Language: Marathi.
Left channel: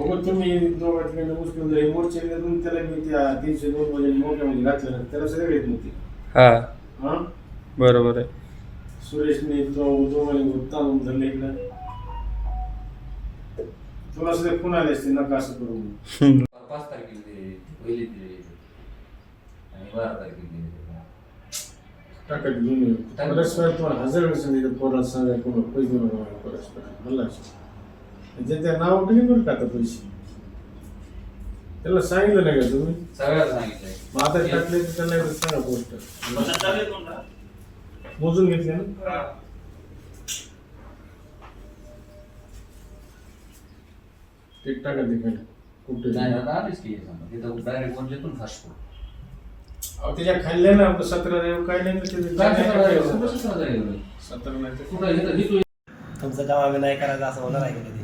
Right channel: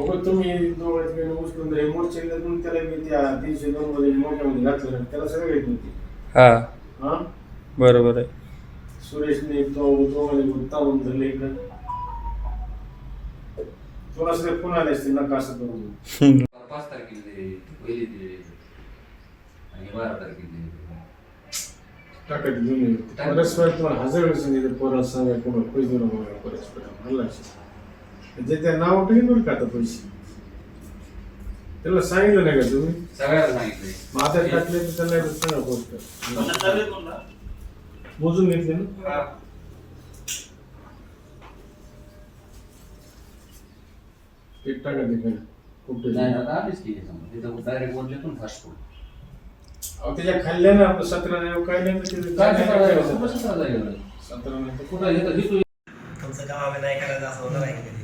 हो तुम्ही दोघांकडे उचलून जरी मोर्चे देऊन त्याला मी त्या 302 मध्ये मोठ्यामध्ये घातलं ना त्याला सगळं येत नव्हती. हा हा बरोबर आहे. सुरेशने दोघांनी उत्तम धरलं इकडं. तुला सगळे फोन आले असते नका असं करून. 5 तारखेला पहिली ते आणि 12 तारखेला टाकायची दोन्ही परस्पर तुम्हाला हजार वेळ सांगितलं पोराला सांगा कोणा पैसे देऊ नका परस्पर मला जे त्या नाव ठेवून बरं का आता पैसे त्याला सांगितलं नाही का तुम्ही सगळ्याला सांगितलंय. मग आता टाकले तर त्यांना एकदा सांगा पोस्ट मोजून घेतले ना. ते टाका ते कुठे नाही आता आलीच की समजा तिथं डायरेक्ट वरतून फास्ट फूड त्याच्या खाल्ल्या ना आपलं 17 नाही काय नाही ते 17 जाईल 17 नाही तर कुठं घेतो तुमचं काम आम्ही नाही करायचं असं होणार आहे का कधी?